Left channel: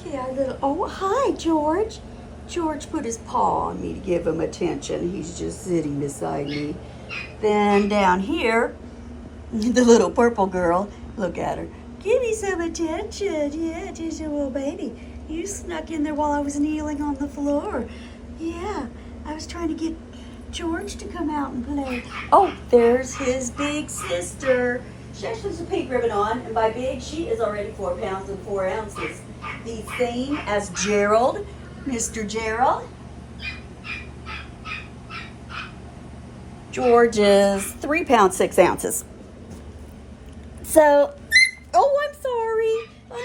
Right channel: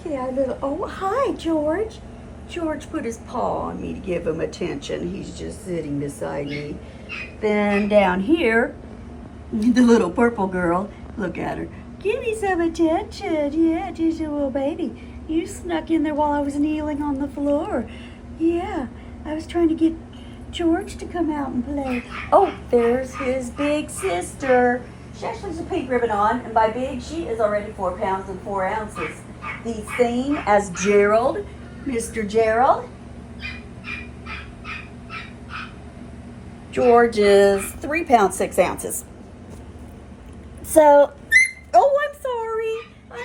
Okay, our little, oh, hi, George. George put his paw on me to give him attention. He's just sitting beside me. Then down here, the little purple girl, look at her. Give me some attention. Yeah, just a little baby. You snuck in there while I was kneeling on the floor. Yeah, I was trying to get George to come out and play. Oh, there's his big sister. She actually has a pink ribbon on, and by big, she is already 4 pounds and 4 ounces. The same as Gerald, Mr. Gerald. George is 3 pounds, 6 ounces. So, oh, I'm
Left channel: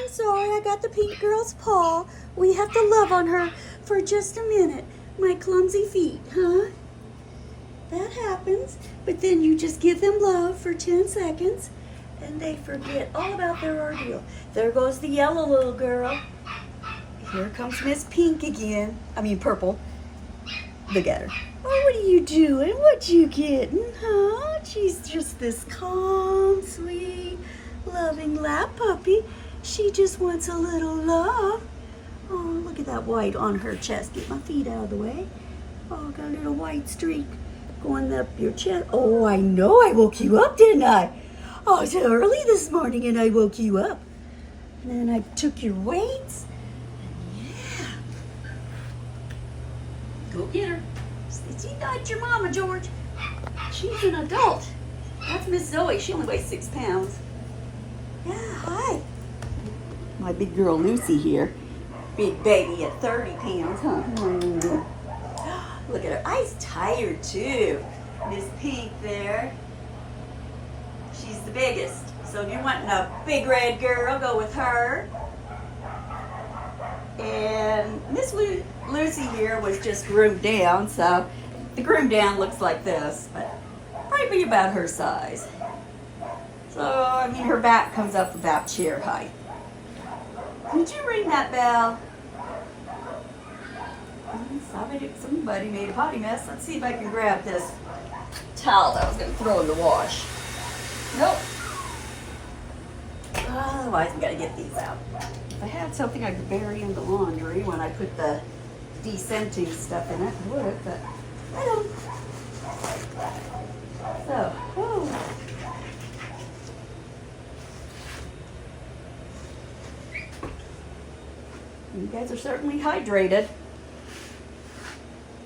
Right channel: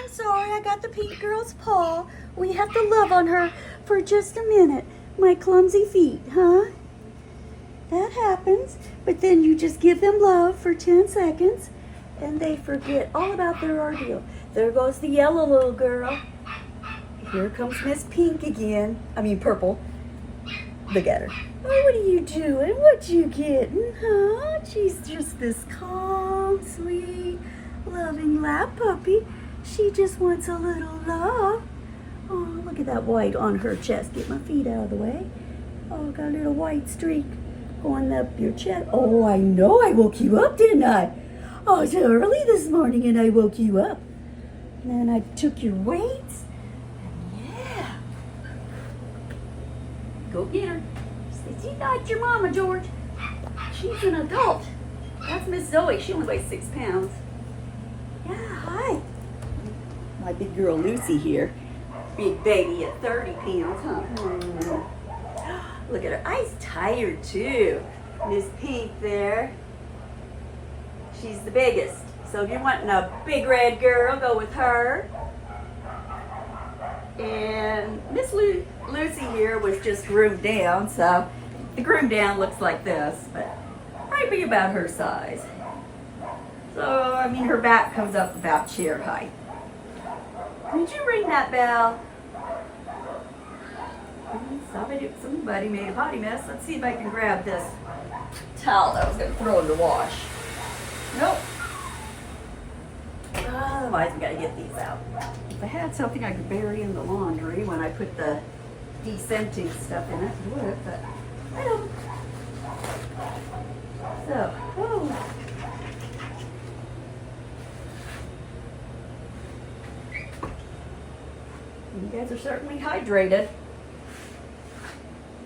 sorry, I got the pink girl's paw. We have to love on her for just a minute. My clumsy feet, huh? That happens, but then you just give them love for 10 seconds and they forget all about their ordeal. There goes the yellow little girl. Here comes Miss Pink again. I mean purple. Look at her. Oh, what are you doing? What you getting, huh? She's just this calm, sweet, loving lap puppy. She just wants a little love. Oh, look at that white on her chest. Get my feet out of the way. Oh, got a little white streak going up your chest. Oh, I know I woke you up, didn't I? Oh, it's early this morning and I woke you up. And then I took your weights. Yeah. Go get her. She's not your mama, George. She's an adult. That's Miss Zoe. She only weighs 6 pounds. Yeah, hi. My big girl Lucy here. Big baby at 30 pounds, huh? Look at her. Eyes tired, too. Miss Pink there. She's the biggest. So if you're wanting a big red girl, go with her. And Miss Lucy here was just groomed down, so the groomed down looks like this, but might be about her size. So, I mean, her back comes up about chair height. Did you ring that bell? Somebody made a potty mess. Let's see if I can grab this towel that I was going to throw in the wash. Nope. Otherwise, we got to get these out. If I had something I could bury in the laundry when I put the descenting stuff in it, I would, but I don't. So, whoa. You guys are certainly hydrated.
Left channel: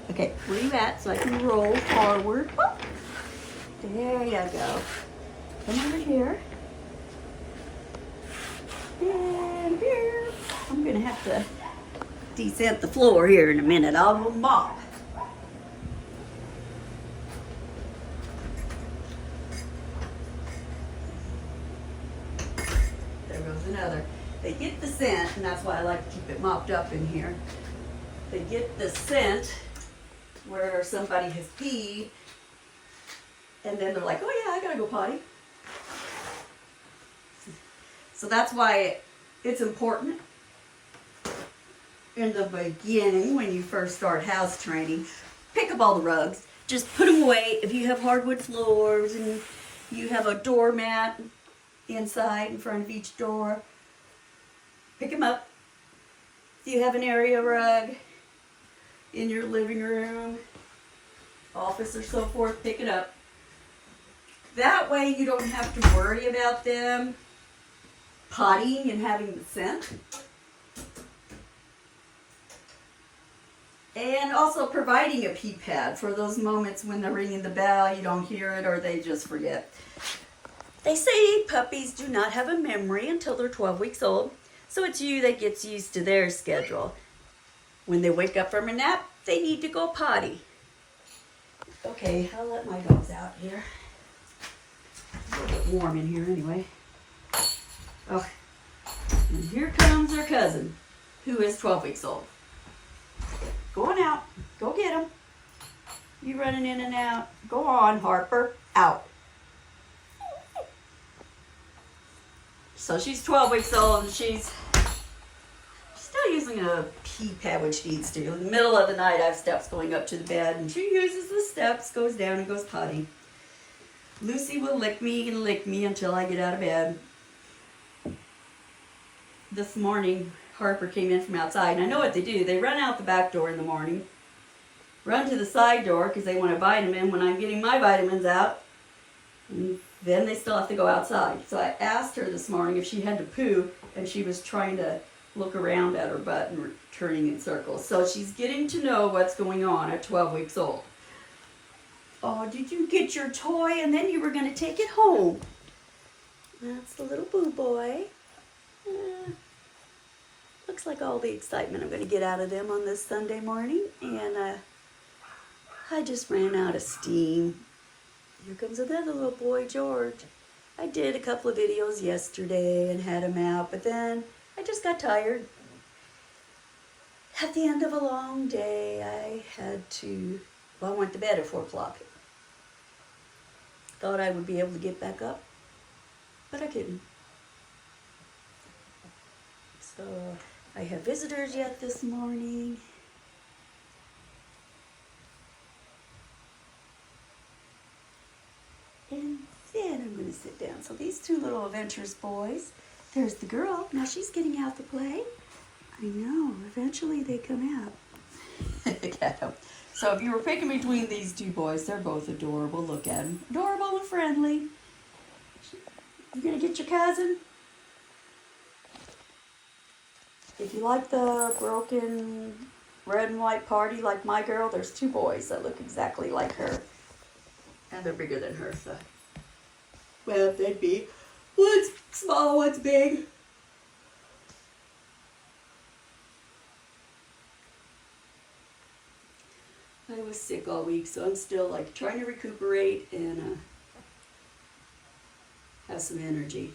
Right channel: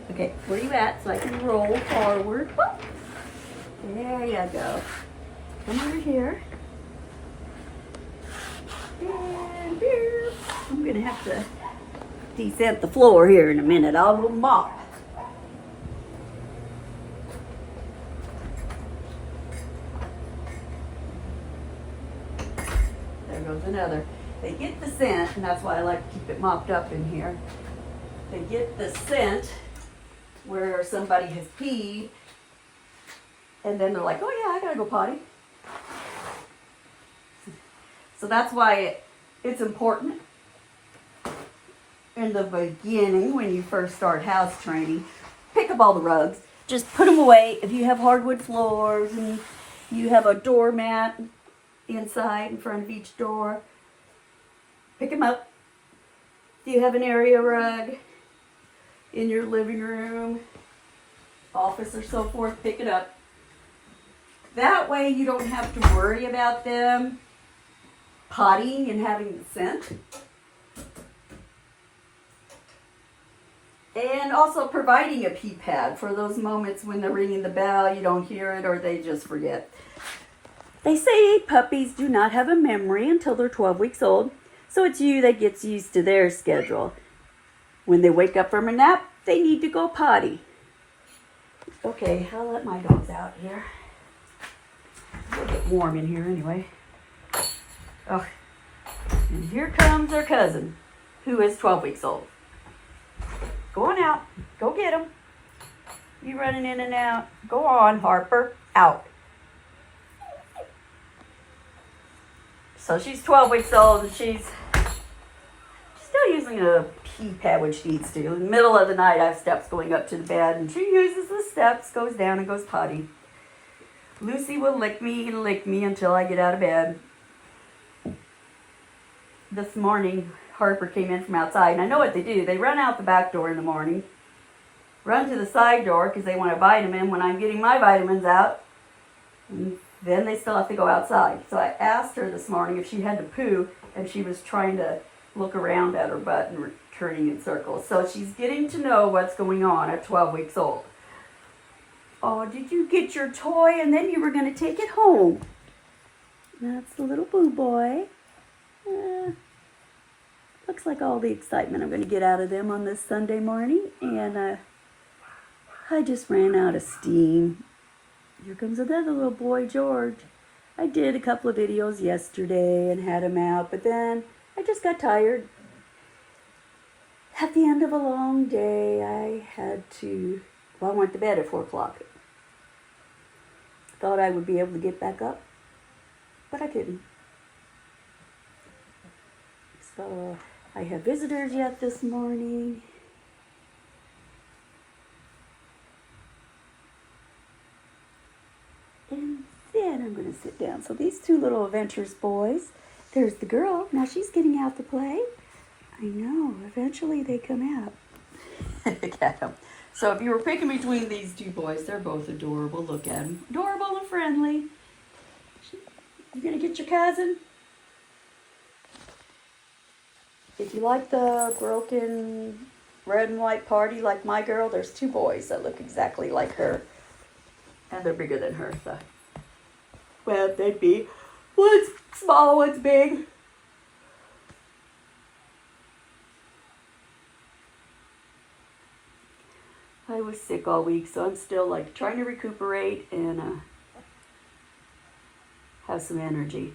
Okay, where are you at so I can roll forward? Oh, there you go. Come over here. And here. I'm going to have to descent the floor here in a minute. I'll go mop. There goes another. They get the scent, and that's why I like to keep it mopped up in here. They get the scent where somebody has peed, and then they're like, oh yeah, I gotta go potty. So that's why it's important in the beginning when you first start house training. Pick up all the rugs. Just put them away. If you have hardwood floors and you have a doormat inside in front of each door, pick them up. If you have an area rug in your living room, office, or so forth, pick it up. That way you don't have to worry about them pottying and having the scent. And also providing a pee pad for those moments when they're ringing the bell, you don't hear it, or they just forget. They say puppies do not have a memory until they're 12 weeks old, so it's you that gets used to their schedule. When they wake up from a nap, they need to go potty. Okay, I'll let my dogs out here. It's a little bit warm in here anyway. Oh, and here comes our cousin, who is 12 weeks old. Go on out. Go get him. You running in and out. Go on, Harper. Out. So she's 12 weeks old, and she's still using a pee pad when she needs to. In the middle of the night, I have steps going up to the bed, and she uses the steps, goes down, and goes potty. Lucy will lick me until I get out of bed. This morning, Harper came in from outside. And I know what they do. They run out the back door in the morning, run to the side door because they want a vitamin when I'm getting my vitamins out. And then they still have to go outside. So I asked her this morning if she had to poo, and she was trying to look around at her butt and turning in circles. So she's getting to know what's going on at 12 weeks old. Oh, did you get your toy and then you were going to take it home? That's the little boo boy. Looks like all the excitement I'm going to get out of them on this Sunday morning. And I just ran out of steam. Here comes another little boy, George. I did a couple of videos yesterday and had him out, but then I just got tired. At the end of a long day, I went to bed at 4 o'clock. Thought I would be able to get back up, but I couldn't. So I have visitors yet this morning. And then I'm going to sit down. So these two little adventurous boys, there's the girl. Now she's getting out to play. I know, eventually they come out. Look at them. So if you were picking between these two boys, they're both adorable. Look at them. Adorable and friendly. You going to get your cousin? If you like the broken red and white party like my girl, there's two boys that look exactly like her. And they're bigger than her, so. Well, they'd be. One's small, one's big. I was sick all week, so I'm still like trying to recuperate and have some energy.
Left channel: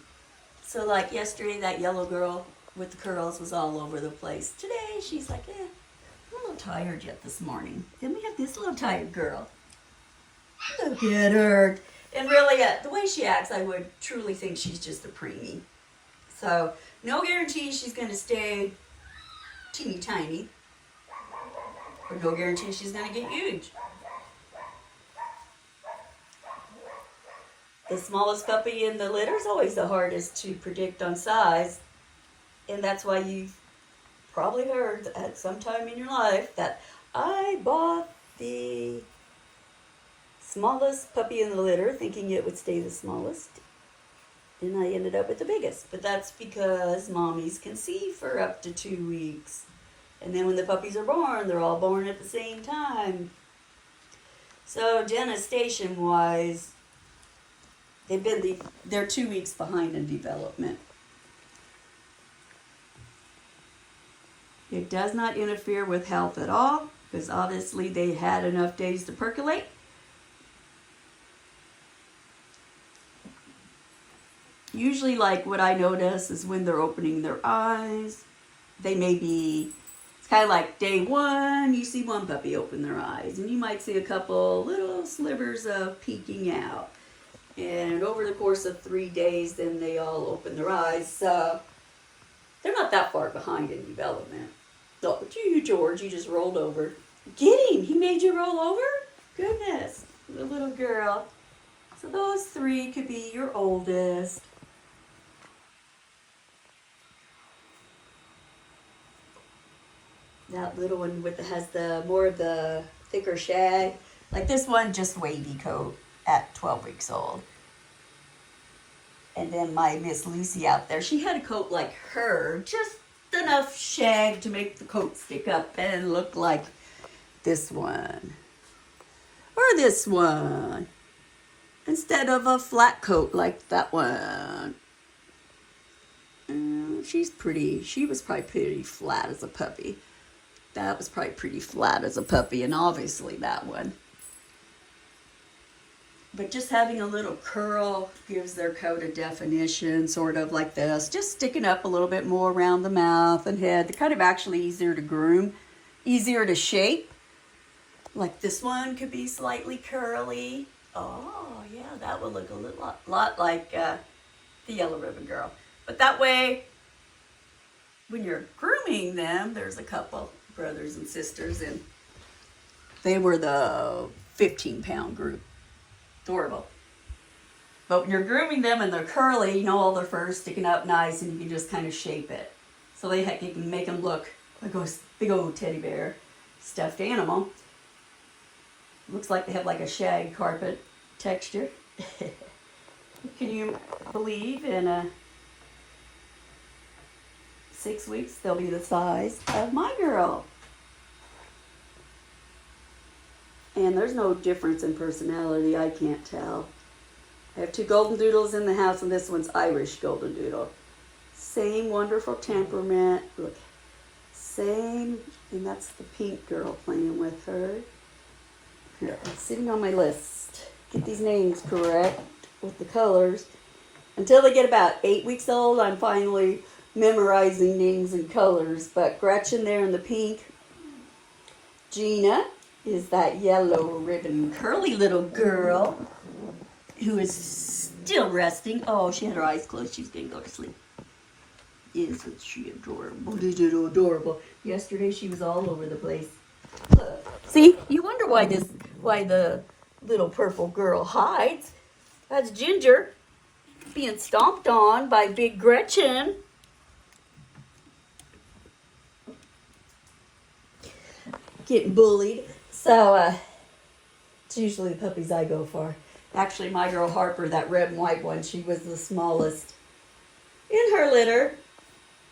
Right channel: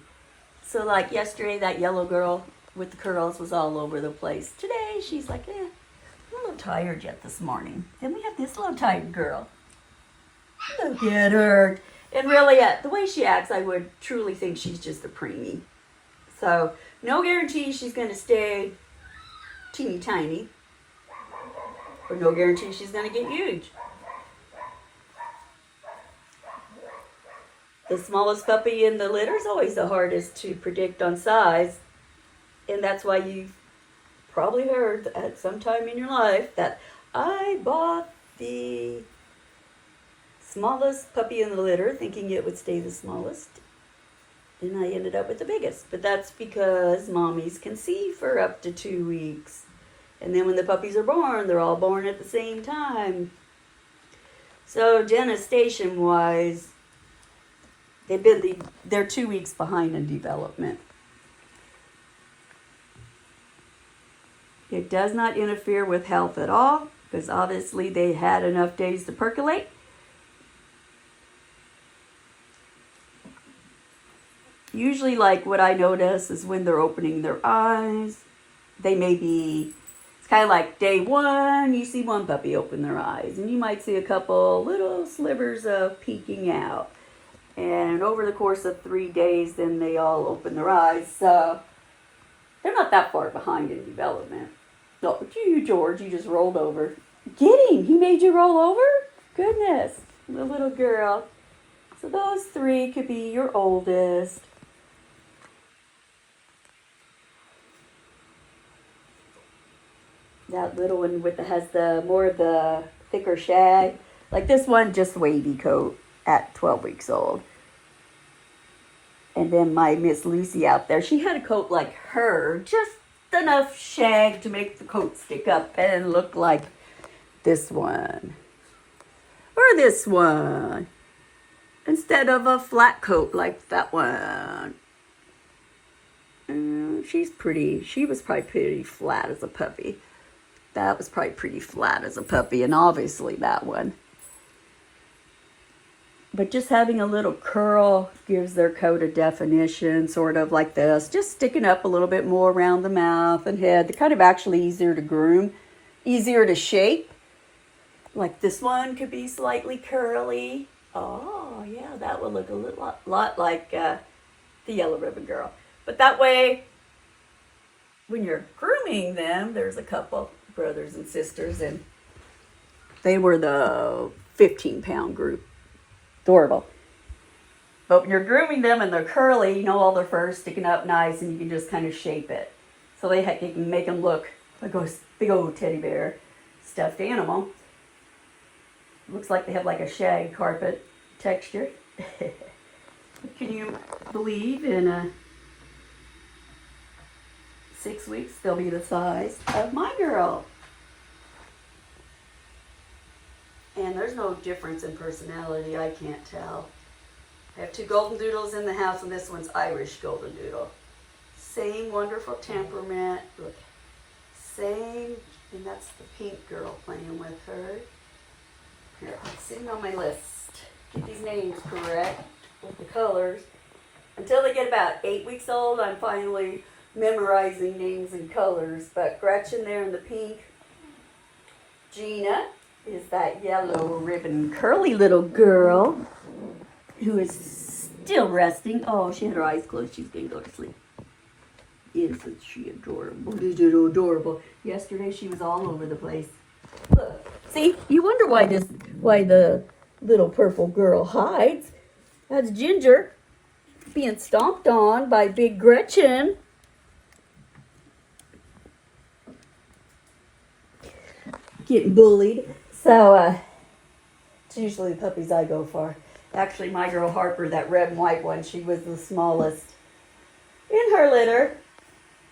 So like yesterday, that yellow girl with the curls was all over the place. Today, she's like, I'm a little tired yet this morning. Then we have this little tired girl. Look at her. And really, the way she acts, I would truly think she's just a preemie. So, no guarantee she's going to stay teeny tiny. Or no guarantee she's going to get huge. The smallest puppy in the litter is always the hardest to predict on size. And that's why you've probably heard at some time in your life that I bought the smallest puppy in the litter, thinking it would stay the smallest. And I ended up with the biggest. But that's because mommies conceive for up to 2 weeks. And then when the puppies are born, they're all born at the same time. So gestation-wise, they're 2 weeks behind in development. It does not interfere with health at all, because obviously they had enough days to percolate. Usually, like what I notice is when they're opening their eyes, they may be, it's kind of like day one, you see one puppy open their eyes, and you might see a couple little slivers of peeking out. And over the course of 3 days, then they all open their eyes. So they're not that far behind in development. Oh, you, George, you just rolled over. Get him! He made you roll over? Goodness, the little girl. So those 3 could be your oldest. That little one has the more of the thicker shag. Like this one, just wavy coat at 12 weeks old. And then my Miss Lucy out there, she had a coat like her, just enough shag to make the coat stick up and look like this one. Or this one. Instead of a flat coat like that one. She's pretty. She was probably pretty flat as a puppy. That was probably pretty flat as a puppy, and obviously that one. But just having a little curl gives their coat a definition, sort of like this. Just sticking up a little bit more around the mouth and head. They're kind of actually easier to groom, easier to shape. Like this one could be slightly curly. Oh, yeah, that would look a lot like the yellow ribbon girl. But that way, when you're grooming them, there's a couple brothers and sisters, and they were the 15-pound group. Adorable. But when you're grooming them and they're curly, you know, all their fur sticking up nice, and you can just kind of shape it. so they can make them look like a big old teddy bear stuffed animal. Looks like they have like a shag carpet texture. Can you believe in 6 weeks they'll be the size of my girl? And there's no difference in personality, I can't tell. I have 2 golden doodles in the house, and this one's Irish golden doodle. Same wonderful temperament. Look, same, and that's the pink girl playing with her. Here, sitting on my list. Get these names correct with the colors. Until they get about 8 weeks old, I'm finally memorizing names and colors. But Gretchen there in the pink. Gina is that yellow ribbon curly little girl who is still resting. Oh, she had her eyes closed. She's going to go to sleep. Isn't she adorable? Adorable. Yesterday she was all over the place. Look. See, you wonder why the little purple girl hides. That's Ginger being stomped on by Big Gretchen. Getting bullied. So, it's usually the puppies I go for. Actually, my girl Harper, that red and white one, she was the smallest in her litter.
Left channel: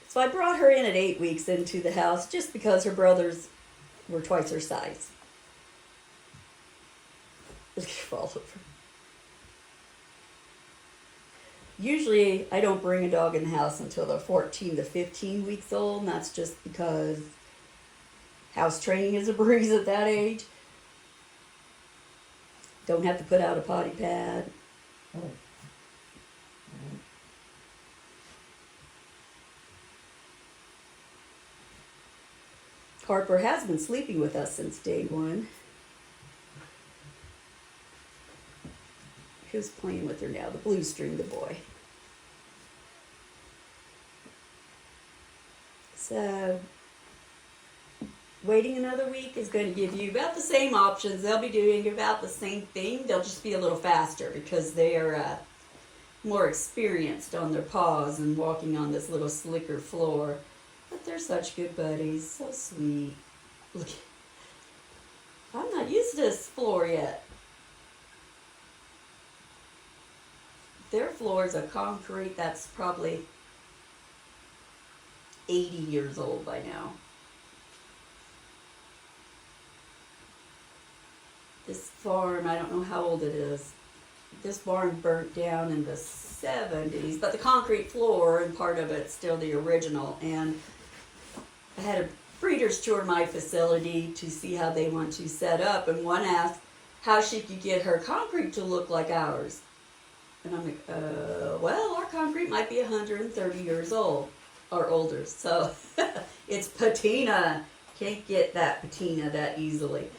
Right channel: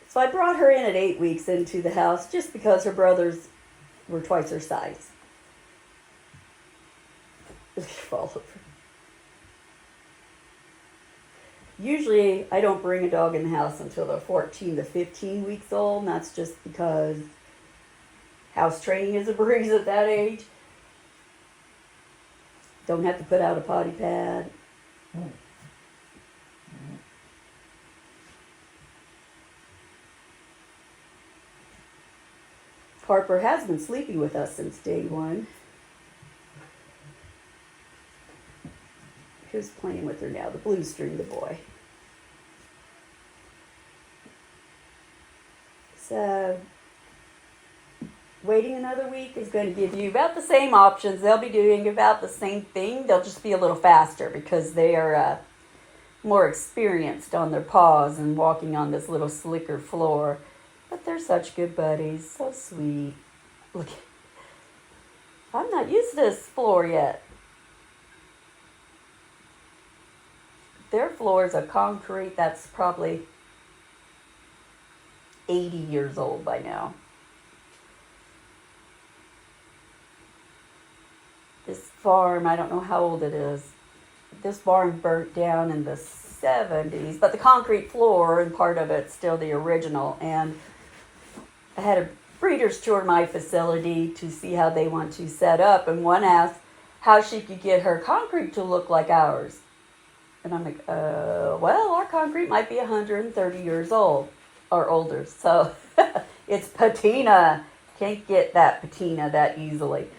So I brought her in at 8 weeks into the house just because her brothers were twice her size. Fall over. Usually, I don't bring a dog in the house until they're 14 to 15 weeks old, and that's just because house training is a breeze at that age. Don't have to put out a potty pad. Harper has been sleeping with us since day one. Who's playing with her now? The blue string, the boy. So, waiting another week is going to give you about the same options. They'll be doing about the same thing. They'll just be a little faster because they are more experienced on their paws and walking on this little slicker floor. But they're such good buddies. So sweet. Look, I'm not used to this floor yet. Their floor is a concrete that's probably 80 years old by now. This farm, I don't know how old it is. This barn burnt down in the 70s, but the concrete floor and part of it's still the original. And I had a breeder's tour my facility to see how they want to set up, and one asked how she could get her concrete to look like ours. And I'm like, well, our concrete might be 130 years old or older. So it's patina. Can't get that patina that easily.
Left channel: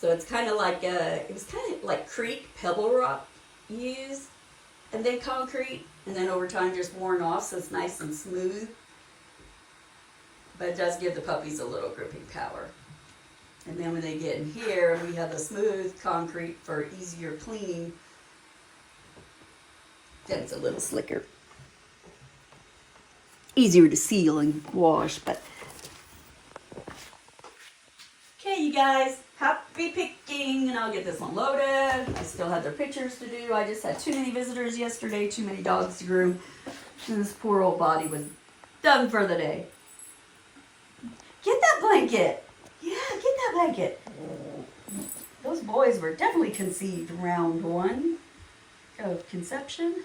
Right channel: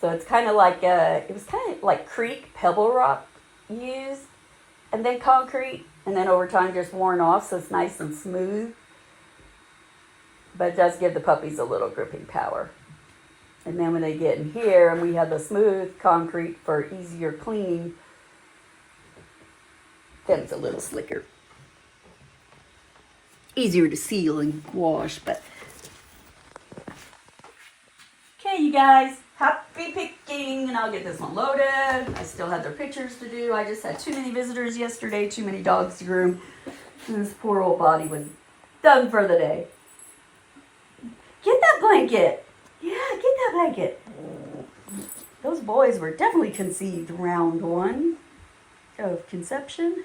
So it's kind of like, it was kind of like creek, pebble rock used, and then concrete, and then over time just worn off, so it's nice and smooth. But it does give the puppies a little gripping power. And then when they get in here, and we have the smooth concrete for easier cleaning, then it's a little slicker. Easier to seal and wash, but. Okay, you guys, happy picking, and I'll get this one loaded. I still have their pictures to do. I just had too many visitors yesterday, too many dogs to groom, and this poor old body was done for the day. Get that blanket. Yeah, get that blanket. Those boys were definitely conceived round one of conception.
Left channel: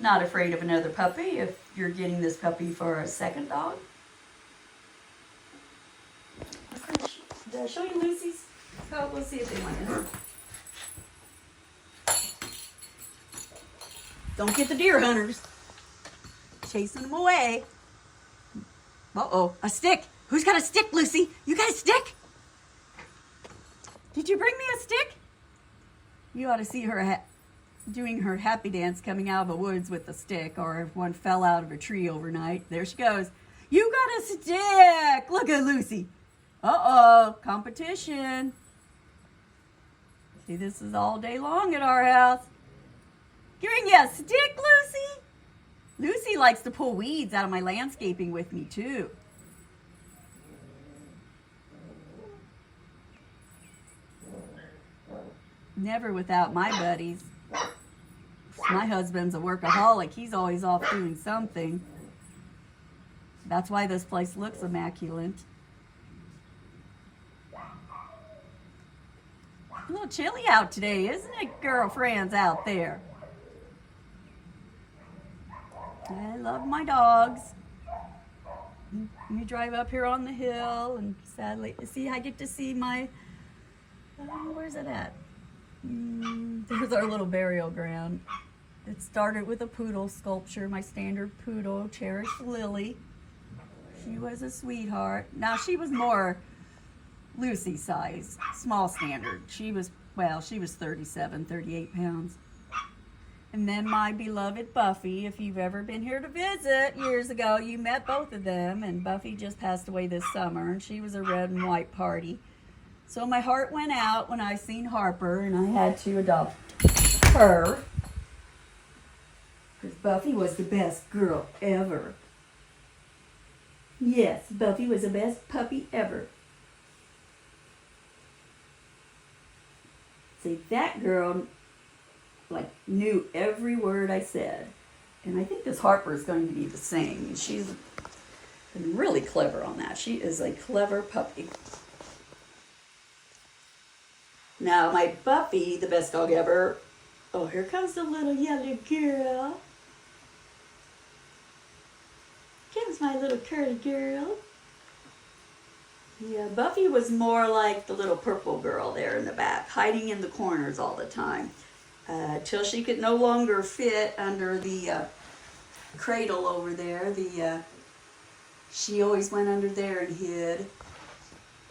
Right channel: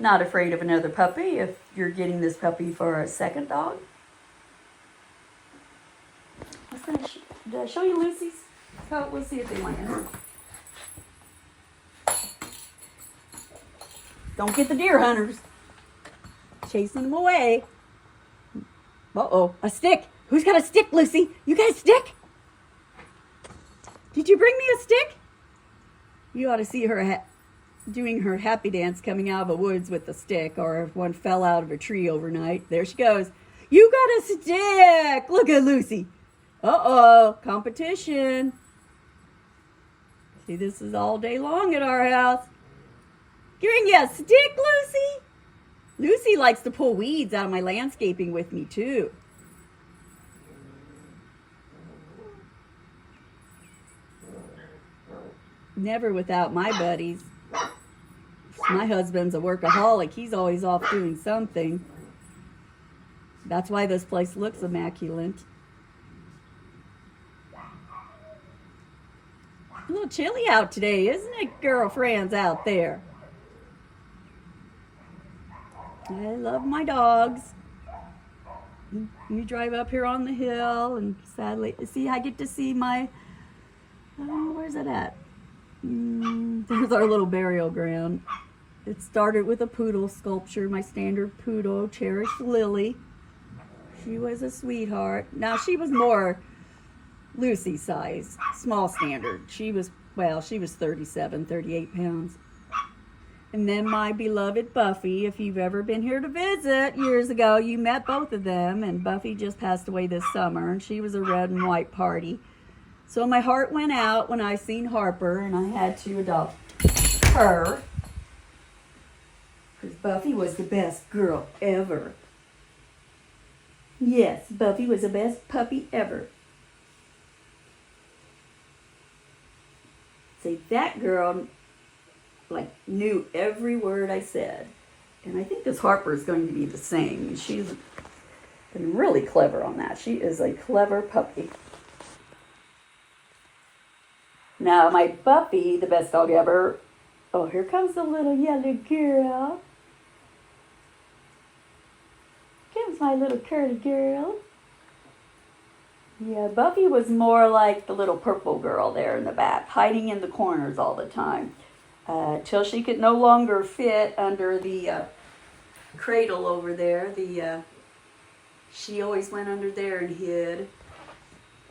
Not afraid of another puppy if you're getting this puppy for a second dog. Did I show you Lucy's? So we'll see if they want it. Don't get the deer hunters. Chasing them away. Uh-oh, a stick. Who's got a stick, Lucy? You got a stick? Did you bring me a stick? You ought to see her doing her happy dance coming out of the woods with the stick, or if one fell out of a tree overnight. There she goes. You got a stick. Look at Lucy. Uh-oh, competition. See, this is all day long at our house. Giving you a stick, Lucy? Lucy likes to pull weeds out of my landscaping with me too. Never without my buddies. My husband's a workaholic. He's always off doing something. That's why this place looks immaculate. A little chilly out today, isn't it, girlfriends out there? I love my dogs. You drive up here on the hill, and sadly, see, I get to see my, where's it at? There's our little burial ground. It started with a poodle sculpture, my standard poodle, cherished Lily. She was a sweetheart. Now, she was more Lucy size, small standard. She was 37, 38 pounds. And then my beloved Buffy, if you've ever been here to visit years ago, you met both of them, and Buffy just passed away this summer, and she was a red and white party. So my heart went out when I seen Harper, and I had to adopt her, because Buffy was the best girl ever. Yes, Buffy was the best puppy ever. See, that girl knew every word I said. And I think this Harper is going to be the same. She's been really clever on that. She is a clever puppy. Now, my Buffy, the best dog ever. Oh, here comes the little yellow girl. Here's my little curly girl. Yeah, Buffy was more like the little purple girl there in the back, hiding in the corners all the time. Till she could no longer fit under the cradle over there. She always went under there and hid.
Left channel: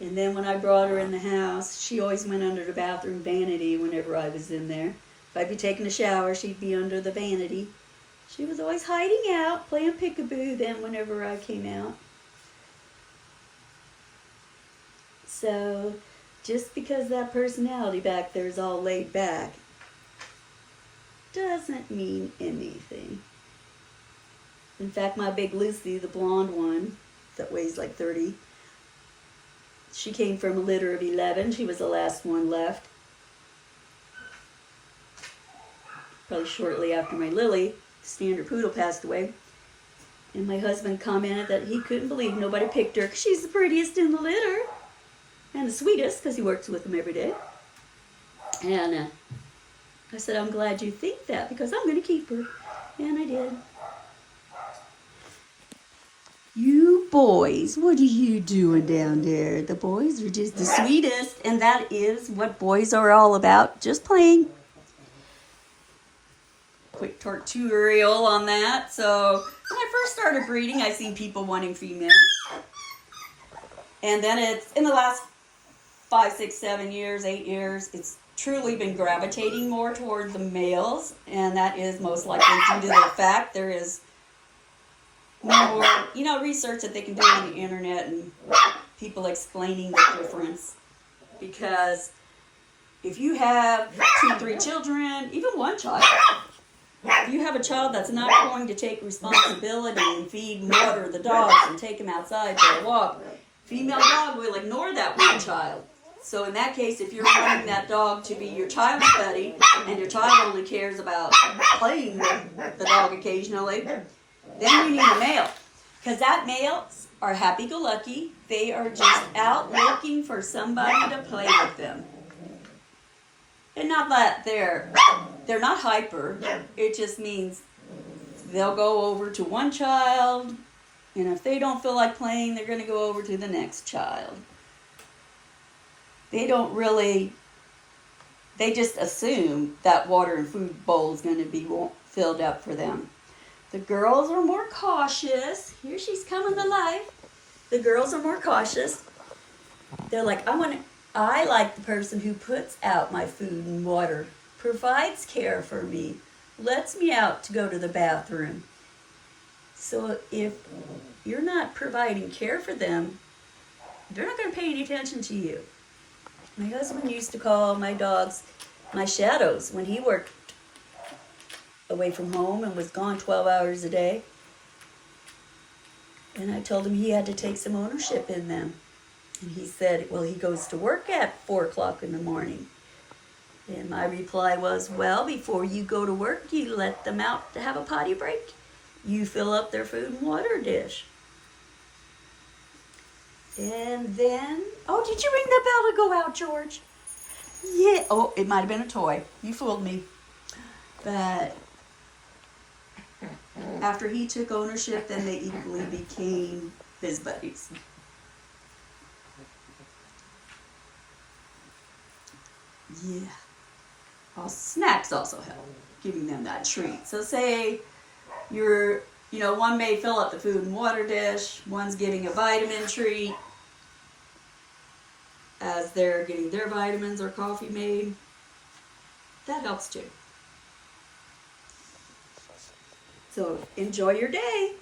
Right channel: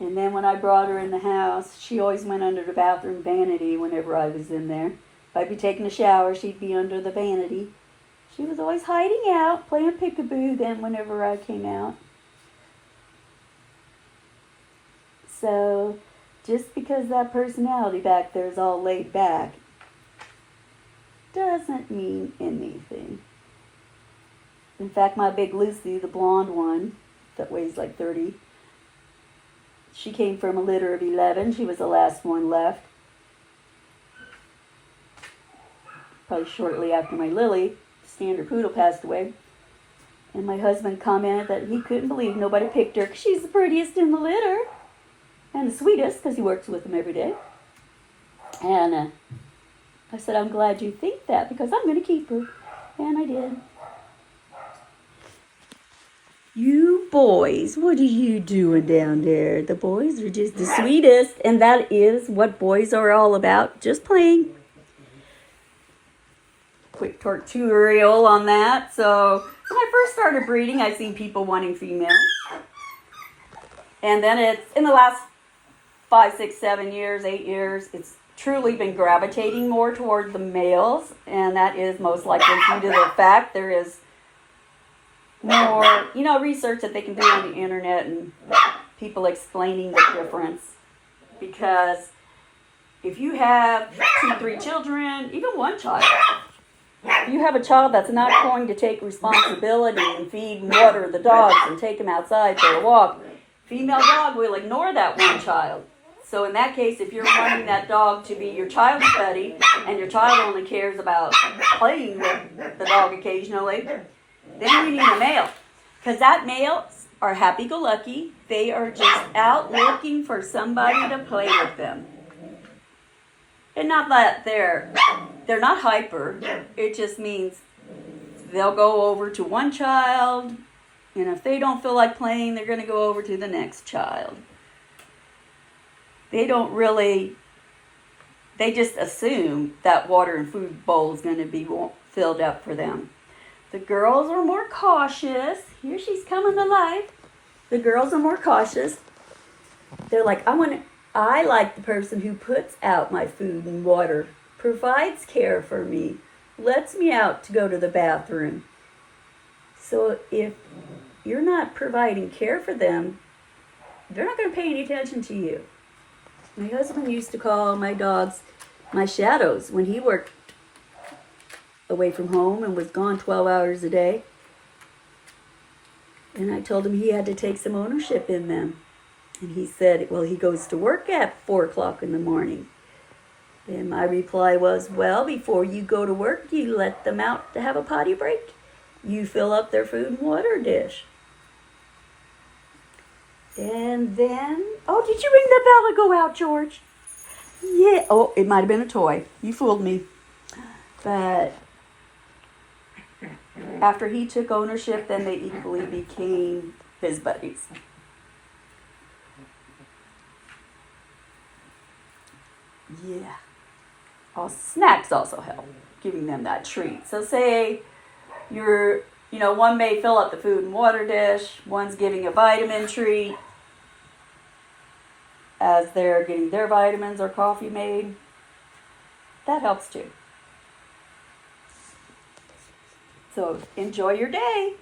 And then when I brought her in the house, she always went under the bathroom vanity whenever I was in there. If I'd be taking a shower, she'd be under the vanity. She was always hiding out, playing peekaboo then whenever I came out. So, just because that personality back there is all laid back, doesn't mean anything. In fact, my big Lucy, the blonde one, that weighs like 30, she came from a litter of 11. She was the last one left. Probably shortly after my Lily, standard poodle, passed away. And my husband commented that he couldn't believe nobody picked her because she's the prettiest in the litter. And the sweetest, because he works with them every day. And I said, I'm glad you think that, because I'm going to keep her. And I did. You boys, what are you doing down there? The boys are just the sweetest. And that is what boys are all about, just playing. Quick tutorial on that. So when I first started breeding, I seen people wanting females. And then it's in the last 5, 6, 7 years, 8 years, it's truly been gravitating more toward the males, and that is most likely due to the fact there is more, research that they can do on the internet and people explaining the difference. Because if you have 2, 3 children, even one child, if you have a child that's not going to take responsibility and feed and water the dogs and take them outside for a walk, female dog will ignore that one child. So in that case, if you're wanting that dog to be your child's buddy and your child only cares about playing with the dog occasionally, then you need a male. Because that males are happy-go-lucky. They are just out looking for somebody to play with them. And not that they're not hyper. It just means they'll go over to one child, and if they don't feel like playing, they're going to go over to the next child. They just assume that water and food bowl is going to be filled up for them. The girls are more cautious. Here she's coming to life. The girls are more cautious. They're like, I like the person who puts out my food and water, provides care for me, lets me out to go to the bathroom. So if you're not providing care for them, they're not going to pay any attention to you. My husband used to call my dogs my shadows when he worked away from home and was gone 12 hours a day. And I told him he had to take some ownership in them. And he said, well, he goes to work at 4 o'clock in the morning. And my reply was, well, before you go to work, you let them out to have a potty break. You fill up their food and water dish. And then, oh, did you ring the bell to go out, George? Yeah. Oh, it might have been a toy. You fooled me. But after he took ownership, then they equally became his buddies. Yeah. Oh, snacks also help, giving them that treat. So say one may fill up the food and water dish, one's giving a vitamin treat as they're getting their vitamins or coffee made. That helps too. So enjoy your day.